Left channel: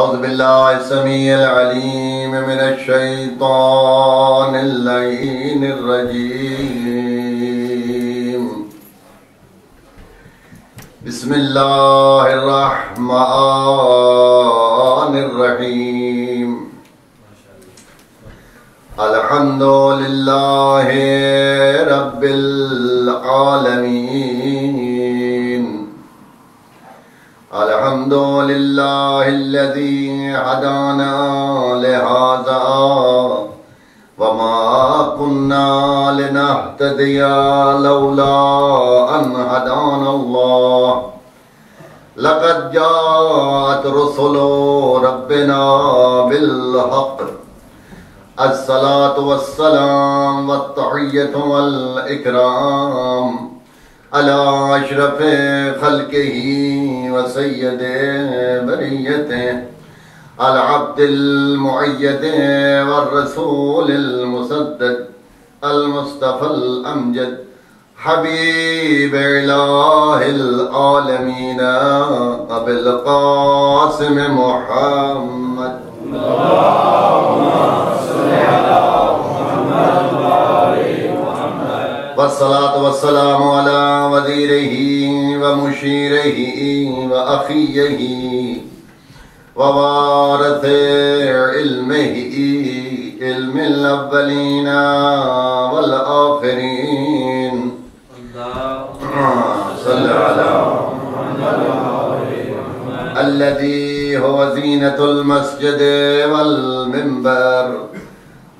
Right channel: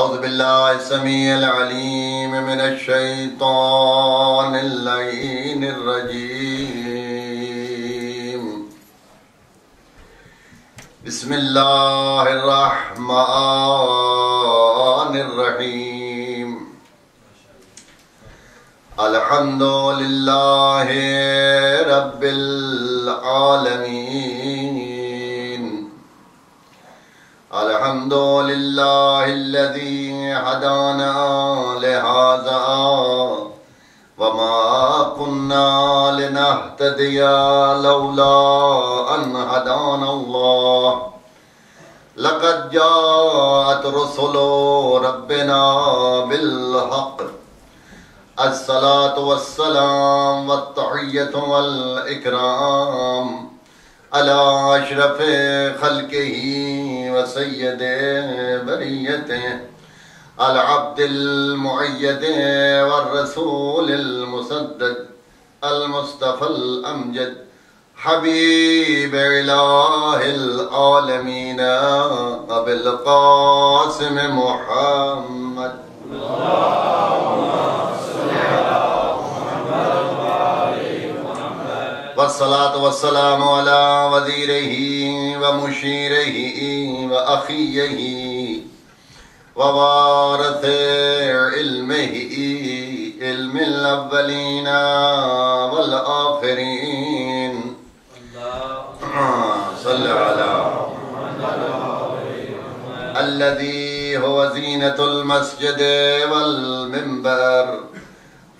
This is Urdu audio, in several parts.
أعوذ بالله السميع العليم من الشيطان اللعين الرجيم. بسم الله الرحمن الرحيم. الحمد لله رب العالمين. الحمد لله الذي هدانا لهذا وما كنا لنهتدي لولا أن هدانا الله. لقد جاءت رسل ربنا بالحق. الصلاة والسلام والتحية والإكرام على أشرف خلقه وسيد بريته العبد المؤيد والرسول المسدد المصطفى الأمجد حبيب إله العالمين أبي القاسم محمد. والصلاة والسلام على وزيره ومشيره وأخيه ووارث علمه علم الأولين والآخرين. صل على الذي هو زينة المسجد والمنبر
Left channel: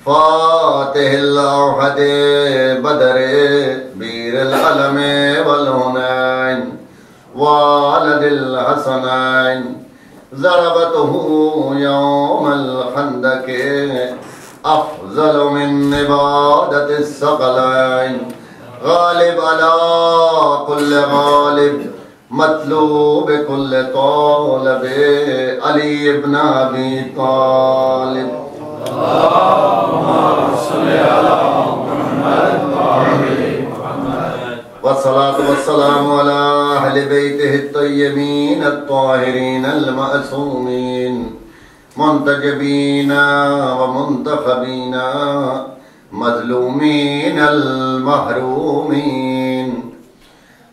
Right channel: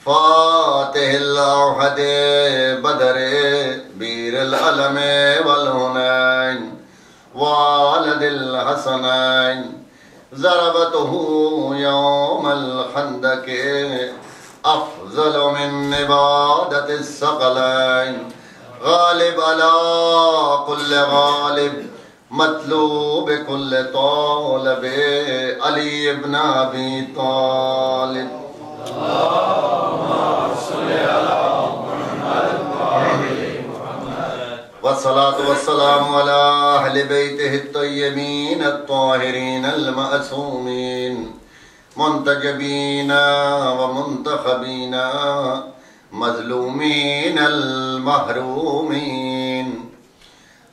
فاتح الأوحد بدر بير العلم والهنين والد الحسنين ضربته يوم الخندق أفضل من عبادة الثقلين. غالب على كل غالب مطلوب كل طالب علي بن أبي طالب. والصلاة والسلام على أهل بيته الطيبين الطاهرين المعصومين منتجبين ومنتخبين مظلومين المحرومين.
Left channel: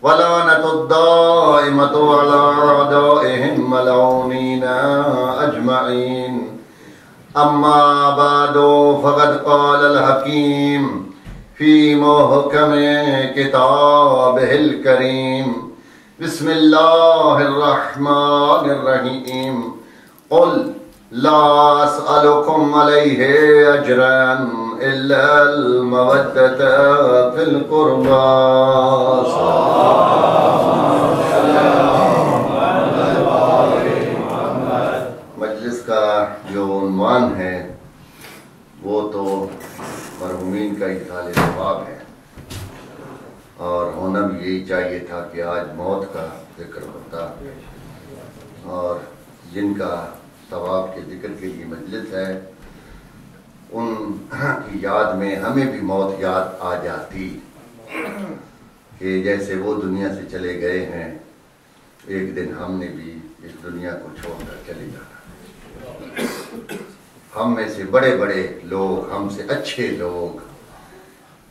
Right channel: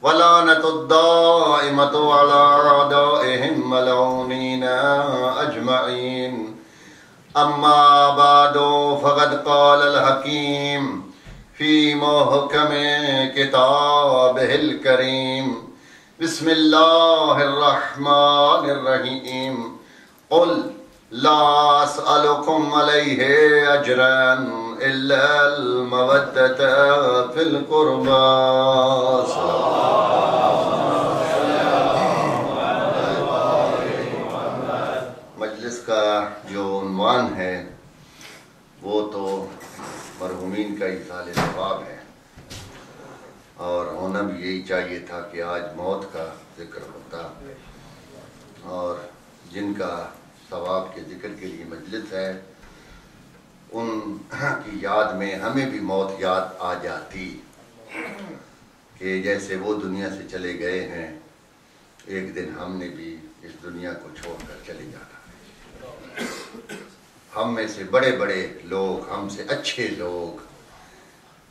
ولعنة الدائمة على أعدائهم ملعونين أجمعين. أما بعد فقد قال الحكيم في محكم كتابه الكريم. بسم الله الرحمن الرحيم. قل لا أسألكم عليه أجرا إلا المودة في القربى. مجلس کا جو عنوان ہے وہ تو مرحومین کا اظہار ثواب ہے، اور ہونا بھی یہی چاہیے تھا کہ آج موت کا ذکر ہوتا، اور جن کا ثواب کے ذکر کے لیے مجلس ہے ان کی یاد میں ہمیں بھی موت یاد آ جاتی کہ جیسے وہ دنیا سے چلے گئے ہیں ایک دن ہم نے بھی اس دنیا کو چھوڑ کر چلے جانا. ہم میں سے بڑے بڑے لوگ، ہم سے اچھے لوگ،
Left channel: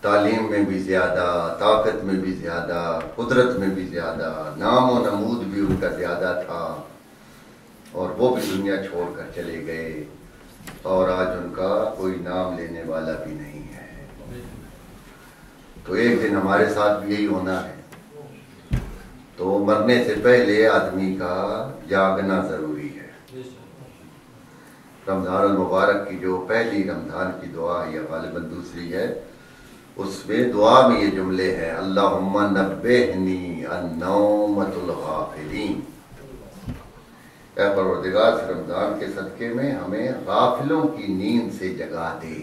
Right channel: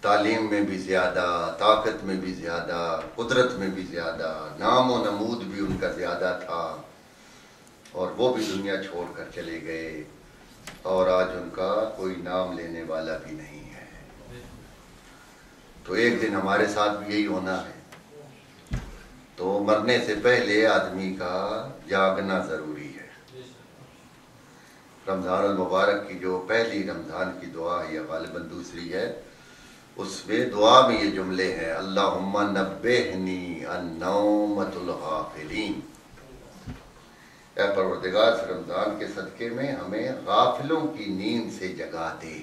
تعلیم میں بھی زیادہ، طاقت میں بھی زیادہ، قدرت میں بھی زیادہ، نام و نمود بھی ان کا زیادہ تھا، اور وہ بھی دنیا چھوڑ کر چلے گئے، اور آج ان کا کوئی نام لینے والا بھی نہیں ہے. تو ایک دن ہمارے ساتھ بھی یہی ہونا ہے. تو مرنے سے پہلے آدمی کا جاگنا ضروری ہے. رمضان المبارک کی جو پہلی رمضان کی دعا ہے یا غالباً دوسری ہے، اس میں دعا میں یہ جملے ہیں: اللہم نبہنی عن نومۃ الغافلین. اے پروردگار سے رمضان کے صدقے میں ہمیں غافلوں کی نیند سے جگا دے.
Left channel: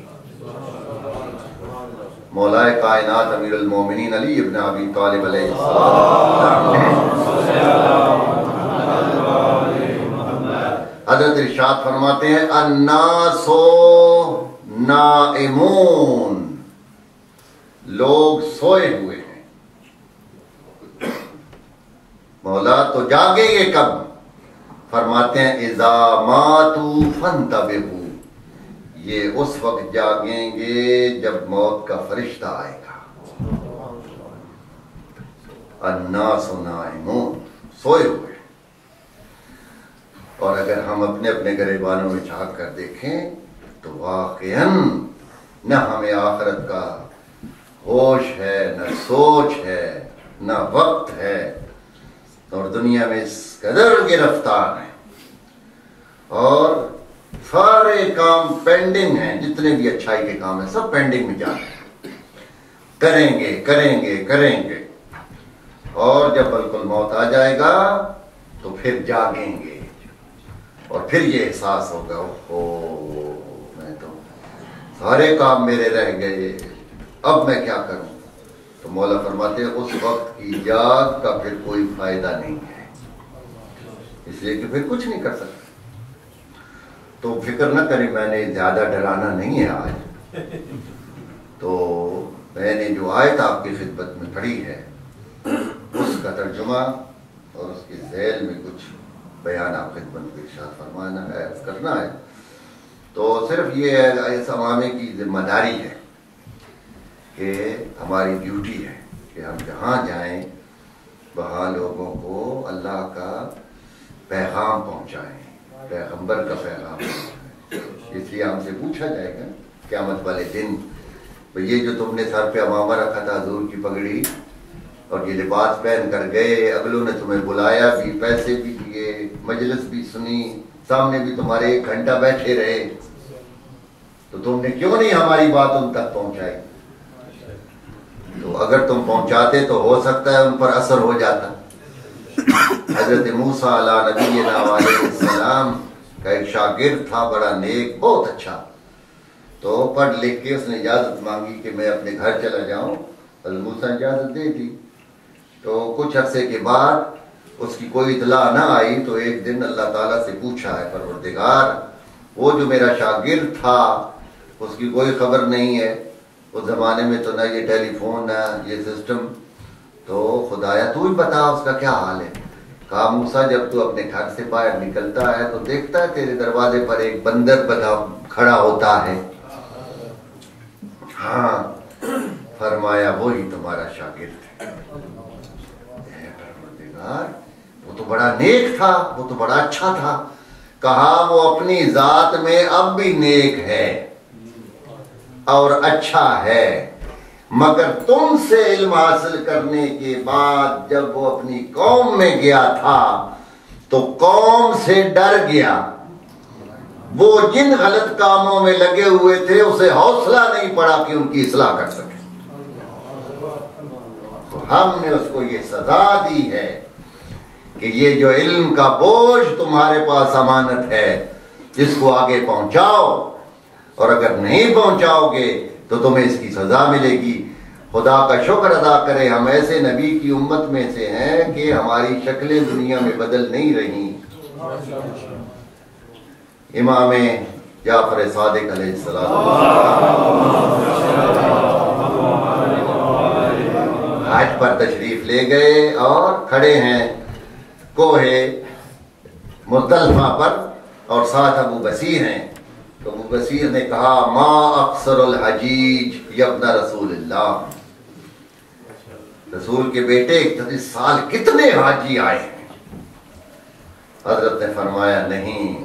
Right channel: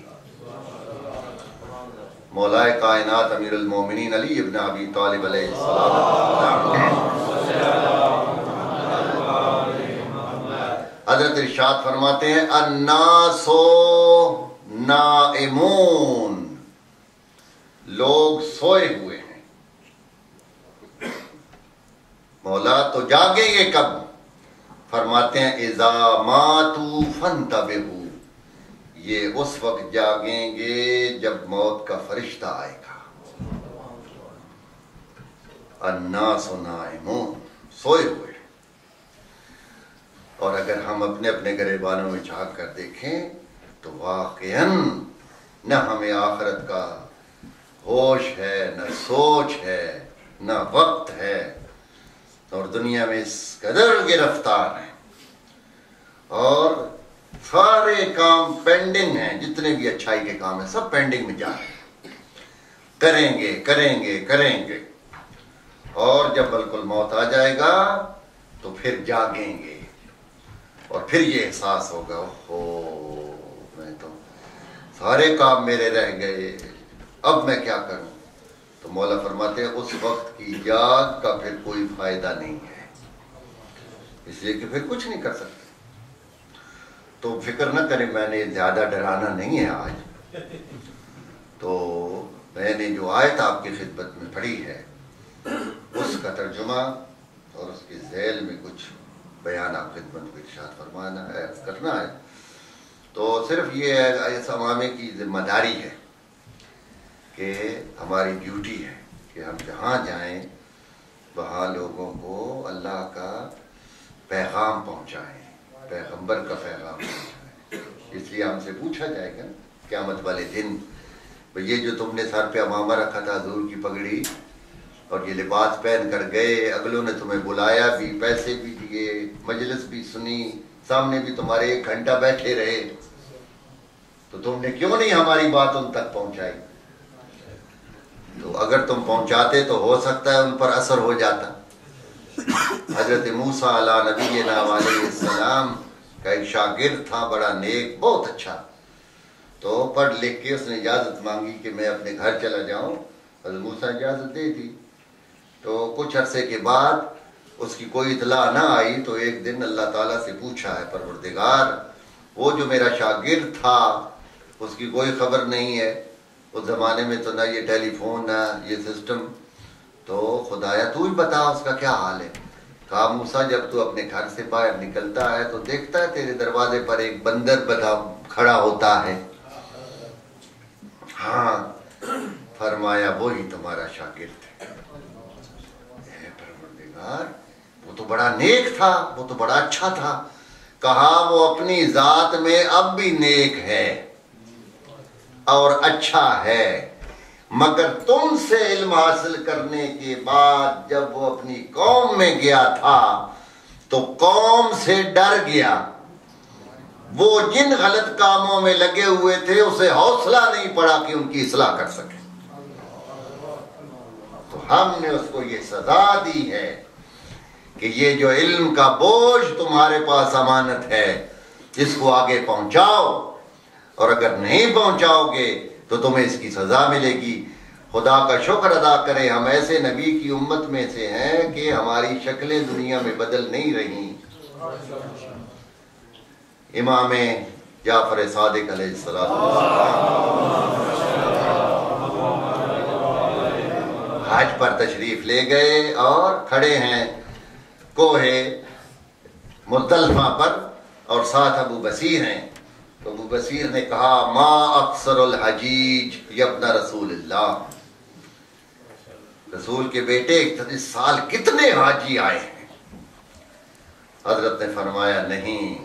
مولائے کائنات امیر المومنین علی ابن ابی طالب علیہ السلام حضرت ارشاد فرماتے ہیں: الناس نائمون، لوگ سوئے ہوئے ہیں. مولا تو جاگیں گے کب؟ فرماتے ہیں اذا ماتوا فانتبہوا، یہ اس وقت جاگیں گے جب موت کا فرشتہ آئے گا۔ الناس نائمون، سوئے ہوئے۔ اور اگر ہم اپنے اپنے گریبانوں میں جھانک کر دیکھیں تو واقعاً نہ ہمیں آخرت کا ہوش ہے، نہ سوچ ہے، نہ وقت ہے، اور دنیا میں اس قدر گرفتار ہیں، اور سارے کام پینڈنگ ہیں، جتنے بھی اچھائی کے کام ہیں سب پینڈنگ میں جا رہے ہیں، کریں گے کریں گے کریں گے، اور جب بالکل موت آ جائے گا تو پھر جاگیں گے، اور پھر یہ احساس ہوگا اوہو میں تو سارے کام میرے رہ گئے، اب میں کیا کروں؟ تو مولا فرماتے ہیں اس وقت کی یاد کا پھر کوئی فائدہ نہیں ہے، اس لیے کہ پھر کچھ نہیں کر سکتے۔ تو فکر نہ کریں، میں نے زیادہ ڈرانا نہیں ہے آج، تو میں نے جو آیت آپ کی خدمت میں پڑھی ہے اس کا ترجمہ اور اس کے ذیل میں کچھ بیان آپ خدمت میں ارشاد فرمانا ہے، کرنا ہے۔ تو صرف یہ اس عوامے کی ذمہ داری ہے کہ ہماری ڈیوٹی ہے کہ ہم جہاں جائیں وہاں لوگوں کو اللہ کا پیغام پہنچائیں، پیغمبر کا پیغام پہنچائیں۔ اس لیے ہم سے پوچھا جائے گا قیامت والے دن، یہ جو تم نے سر پہ امامہ رکھا تھا، حضور کی پگڑی اور یہ لباس پہن کر گئے، اگلوں نے تمہیں بلایا بھی، پیسے بھی دیے، مجلس بھی سنی، سامنے بھی تمہارے 1 گھنٹہ بیٹھے رہے، تو تم نے کیوں نہیں ہماری بات ان تک پہنچائی؟ تو اگر تم پہنچاتے تو ہو سکتا ہے ان پر اثر ہو جاتا۔ حضرت موسیٰ علیہ نبینا علیہ السلام کا ایک شاگرد تھا، بڑا نیک، بہت اچھا، تو پڑھ لکھ کے اس نے اجازت مانگی کہ میں اپنے گھر چلا جاؤں، حضرت موسیٰ اجازت دے دی۔ تو کچھ عرصے کے بعد اس کی کوئی اطلاع نہ آئی، تو ایک دن اللہ تعالیٰ سے پوچھا ہے پروردگار وہ جو میرا شاگرد تھا اس کی کوئی خبر نہیں ہے، اس زمانے میں تو نہ یہ ٹیلی فون نہ یہ سسٹم، تو خدایا تو ہی بتا اس کا کیا حال ہے۔ کہا موسیٰ جب تو اپنے گھر سے باہر نکلتا ہے تو دیکھتا ہے تیرے دروازے پر ایک بندر بنا کھڑا ہوتا ہے۔ ہاں، فرمایا وہی تمہارا شاگرد ہے۔ پروردگار وہ تو بڑا نیک تھا، وہ تو بڑا اچھا تھا۔ کہا وہ اپنی ذات میں اب بھی نیک ہے اور اچھا ہے، مگر تم سے علم حاصل کرنے کے بعد جب وہ اپنی قوم میں گیا تھا تو قوم سے ڈر گیا، وہ جن غلط کاموں میں لگے ہوئے تھے اسے حوصلہ نہیں پڑا کہ ان کی اصلاح کر سکے، تو ہم نے اس کو یہ سزا دی ہے کہ یہ جو علم کا بوجھ تمہارے پاس امانت ہے اس کو آگے پہنچاؤ، اور اگر نہیں پہنچاؤ گے تو تمہیں اس کی سزا ملے گی۔ خدا کا شکر ادا کرے ہم ایسے نبی کی امت میں سے ہیں کہ ہماری شکلیں دنیا میں بدل نہیں رہی۔ امام جعفر صادق علیہ السلام حج پر تشریف لے گئے اور کھڑے ہیں کوہ مزدلفہ پر، اور ساتھ ابو بصیر ہیں، تو ابو بصیر نے کہا ما اکثر الحجیج یا ابن رسول اللہ، رسول کے بیٹے اس سال کتنے حاجی آئے ہیں؟ حضرت نے فرمایا نہیں،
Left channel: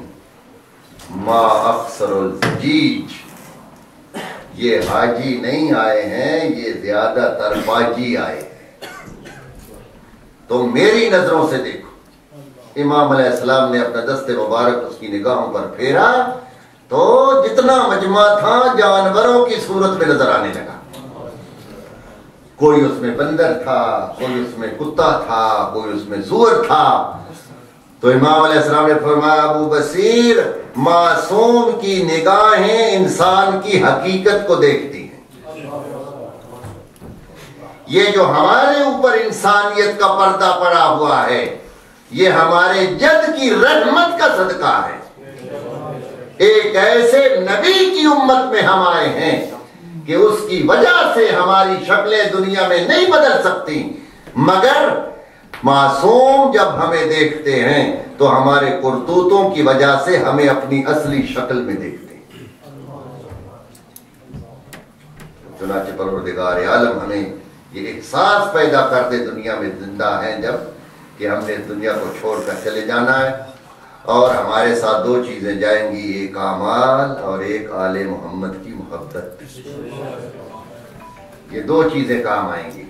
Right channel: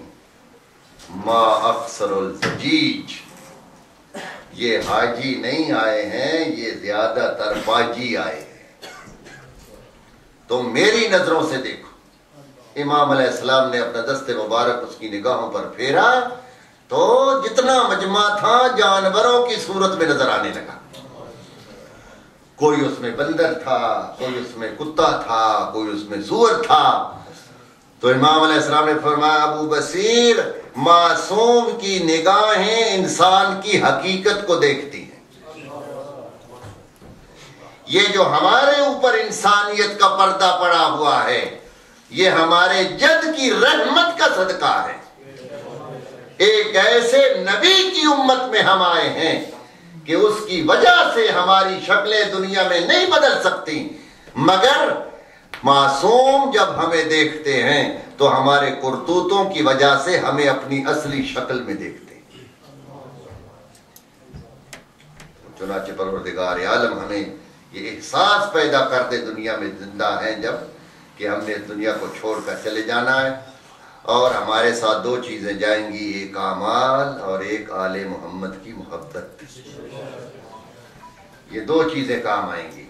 ما اکثر الحجیج، یہ حاجی نہیں آئے ہیں، یہ زیادہ تر باجی آئے ہیں۔ تو میری نظروں سے دیکھو، امام علیہ السلام نے اپنا دست مبارک اس کی نگاہوں پر پھیرا تو جتنا مجمع تھا جانوروں کی صورت میں نظر آنے لگا، کوئی اس میں بندر تھا، کوئی اس میں کتا تھا، کوئی اس میں سور تھا۔ تو امام علیہ السلام نے فرمایا ابو بصیر، معصوم کی نگاہیں انسان کی حقیقت کو دیکھتی ہیں، یہ جو ہمارے اوپر انسانیت کا پردہ پڑا ہوا ہے یہ ہمارے جد کی رحمت کا صدقہ ہے۔ ایک ایسے نبی کی امت میں ہم آئے ہیں کہ اس کی وجہ سے ہماری شکلیں دنیا میں نہیں بدل سکتی، مگر معصوم جب ہمیں دیکھتے ہیں تو ہمارے کرتوتوں کی وجہ سے ہمیں اپنی اصلی شکل میں دیکھتے ہیں. چنانچہ پروردگار عالم ہمیں یہ احساس پیدا کر دے دنیا میں زندہ ہیں جب کہ ہم نے دنیا کو چھوڑ کر چلے جانا ہے، اور ہمارے ساتھ دو چیزیں جائیں گی، ایک اعمال اور ایک آل محمد کی محبت. یہ دو چیزیں کام آئیں گی.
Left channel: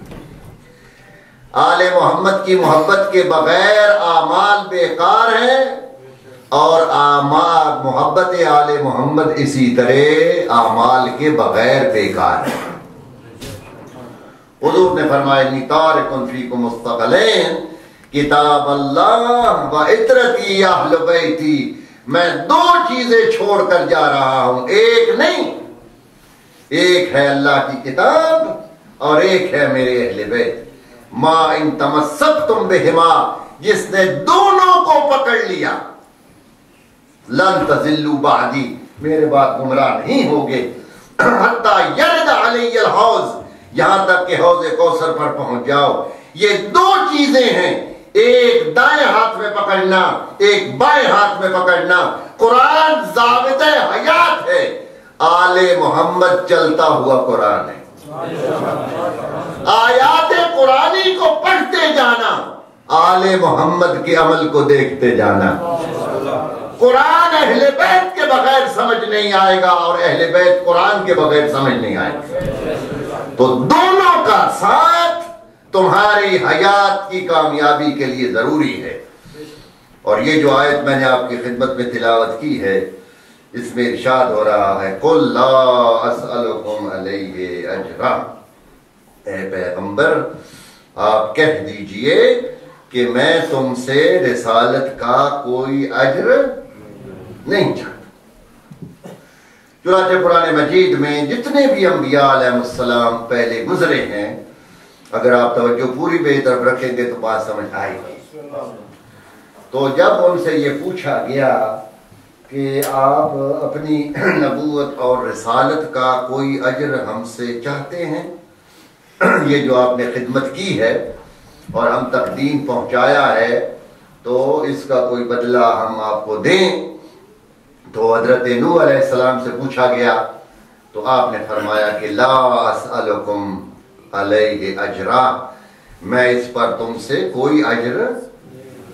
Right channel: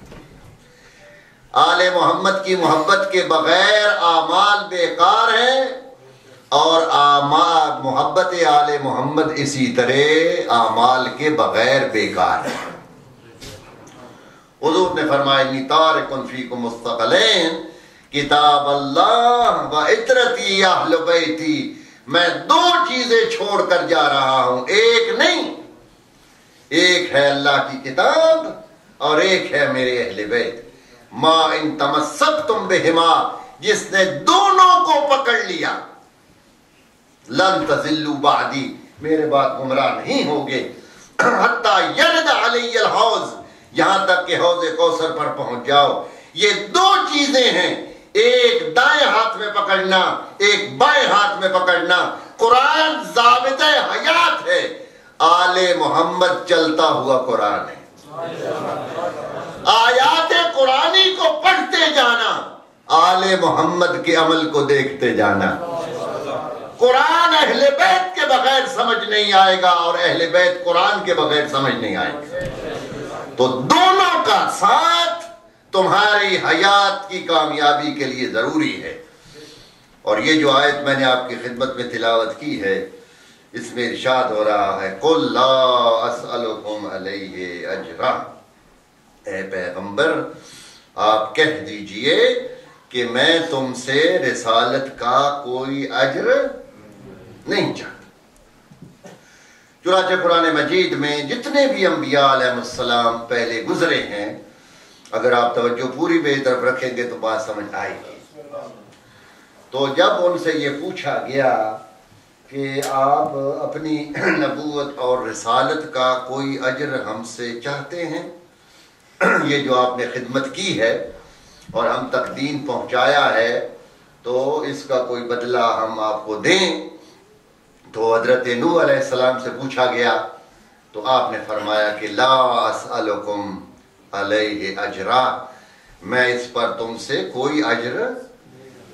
آل محمد کی محبت کے بغیر اعمال بیکار ہیں، اور محبت آل محمد اسی طرح اعمال کے بغیر بیکار ہے. حضور نے فرمایا انی تارک فیکم مستقلین کتاب اللہ و عطرتی اہل بیتی، میں دو چیزیں چھوڑ کر جا رہا ہوں، ایک نہیں، ایک ہے اللہ کی کتاب اور ایک ہے میرے اہل بیت. ما ان تمسکتم بہما، جس نے دونوں کو پکڑ لیا، لن تضلوا بعدی، میرے بعد گمراہ نہیں ہوگے، حتی یرد علی الحوض، یہاں تک کہ حوض کوثر پر پہنچ جاؤ. یہ دو چیزیں ہیں، ایک دائیں ہاتھ میں پکڑنا، ایک بائیں ہاتھ میں پکڑنا. قرآن ضابطہ حیات ہے، آل محمد چلتا ہوا قرآن ہے. آیات قرآنی کو پڑھتے جانا، آل محمد کے عمل کو دیکھتے جانا. قرآن اہل بیت کے بغیر سمجھ نہیں آئے گا، اور اہل بیت قرآن کے بغیر سمجھ نہیں آئے گا. تو دونوں کا ساتھ تمہاری حیات کی کامیابی کے لیے ضروری ہے. اور یہ جو آیت میں نے آپ کی خدمت میں تلاوت کی ہے، اس میں ارشاد ہو رہا ہے قُلْ لَا أَسْأَلُكُمْ عَلَيْهِ أَجْرًا، اے پیغمبر آپ کہہ دیجئے کہ میں تم سے رسالت کا کوئی اجر نہیں چاہتا. چنانچہ قرآن مجید میں جتنے بھی انبیاء علیہ السلام پہلے گزرے ہیں، اگر آپ توجہ پوری بے طرف رکھیں گے تو بات سمجھ آئے گی. تو جب ان سے یہ پوچھا گیا کہ آپ اپنی نبوت اور رسالت کا کوئی اجر ہم سے چاہتے ہیں، یہ جو آپ نے خدمت کی ہے اور ہم تک دین پہنچایا ہے، تو اس کا کوئی بدلہ ہم آپ کو دیں. تو حضرت نوح علیہ السلام سے پوچھا گیا تو آپ نے فرمایا کہ لا اسألکم علیہ اجرا، میں اس پر تم سے کوئی اجر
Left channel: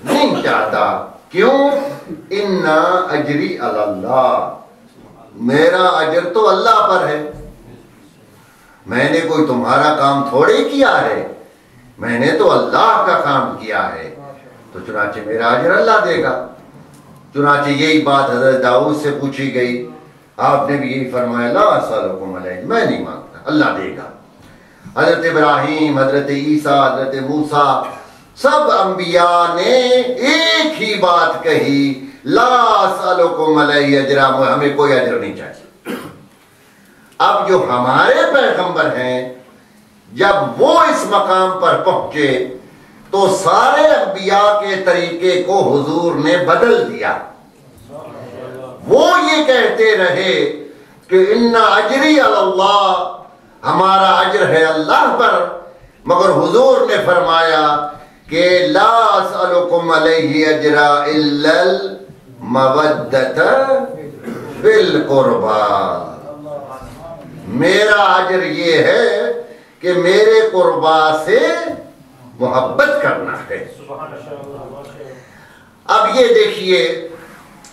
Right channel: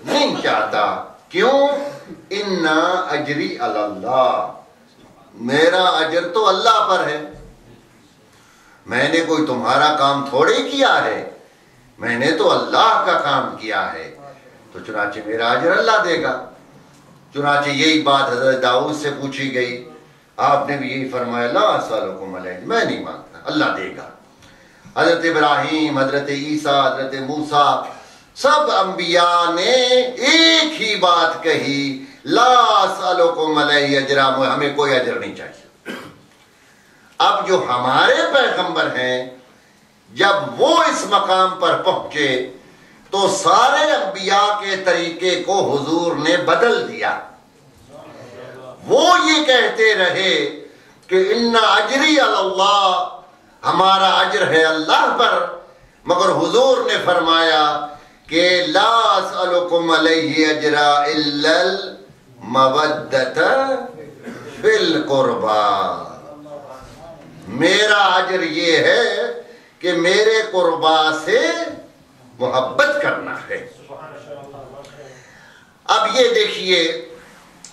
نہیں چاہتا. کیوں؟ انا اجری علی اللہ، میرا اجر تو اللہ پر ہے. میں نے کوئی تمہارا کام تھوڑے کیا ہے، میں نے تو اللہ کا کام کیا ہے. تو چنانچہ میرا اجر اللہ دے گا. چنانچہ یہی بات حضرت داؤد سے پوچھی گئی، آپ نے بھی یہی فرمایا لا اسألکم علیہ، میں نہیں مانگتا، اللہ دے گا. حضرت ابراہیم، حضرت عیسیٰ، حضرت موسیٰ، سب انبیاء نے ایک ہی بات کہی، لا اسألکم علیہ اجرا، ہمیں کوئی اجر نہیں چاہیے. اب جو ہمارے پیغمبر ہیں، جب وہ اس مقام پر پہنچے تو سارے انبیاء کے طریقے کو حضور نے بدل دیا. وہ یہ کہتے رہے کہ ان اجری علی اللہ، ہمارا اجر ہے اللہ پر، مگر حضور نے فرمایا کہ لا اسألکم علیہ اجرا الا المودۃ فی القربى، میرا اجر یہ ہے کہ میرے قربا سے محبت کرنا ہے. اب یہ دیکھیے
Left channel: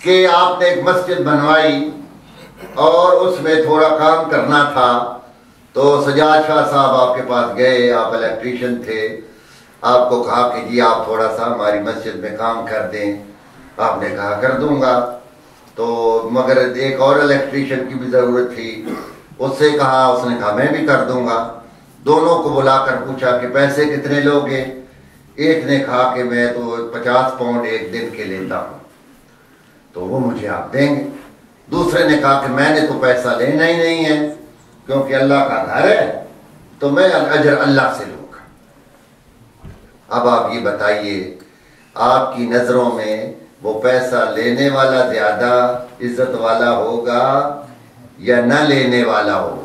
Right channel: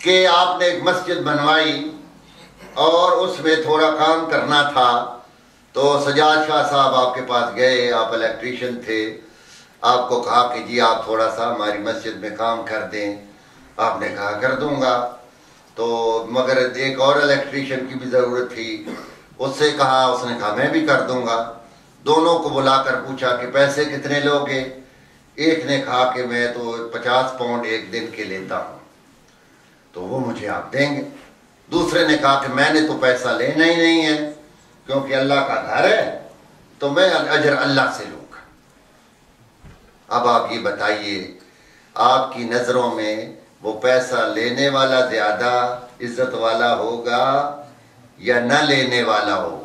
کہ آپ نے ایک مسجد بنوائی اور اس میں تھوڑا کام کرنا تھا، تو سجاد شاہ صاحب آپ کے پاس گئے، آپ الیکٹریشین تھے، آپ کو کہا کہ جی آپ تھوڑا سا ہماری مسجد میں کام کر دیں. آپ نے کہا کر دوں گا. تو مگر ایک اور الیکٹریشین کی بھی ضرورت تھی، اس سے کہا، اس نے کہا میں بھی کر دوں گا. دونوں کو بلا کر پوچھا کہ پیسے کتنے لوگے؟ ایک نے کہا کہ میں تو 50 پاؤنڈ ایک دن کے لیتا ہوں، تو وہ مجھے آپ دیں گے. دوسرے نے کہا کہ میں نے تو پیسہ لینا ہی نہیں ہے، کیونکہ اللہ کا گھر ہے، تو میں اجر اللہ سے لوں گا. اب آپ یہ بتائیے، آپ کی نظروں میں وہ پیسہ لینے والا زیادہ عزت والا ہوگا یا نہ لینے والا ہوگا؟